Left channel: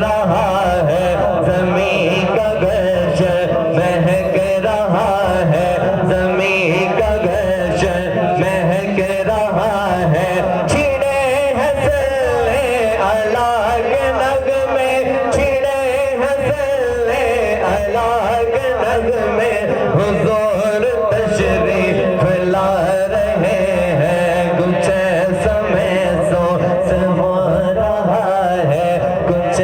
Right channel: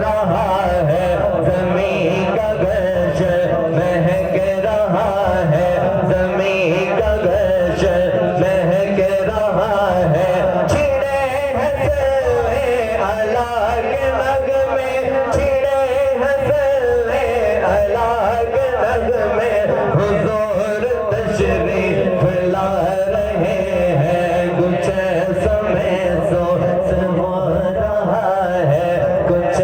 رہا ہے زمین کا گرش مہک رہا ہے زمین کا گرش مہک رہا ہے چھڑے ہیں سلے اللہ کے نغمے چھڑے ہیں سلے اللہ کے نغمے حضور تشریف لا رہے ہیں کچھ سمے سو سے ہو رہا ہے کچھ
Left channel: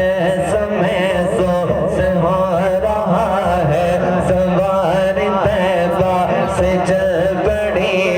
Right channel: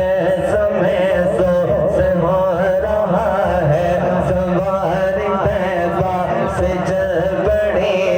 سمے سو سے ہو رہا ہے سواری طیبہ سے جل پڑی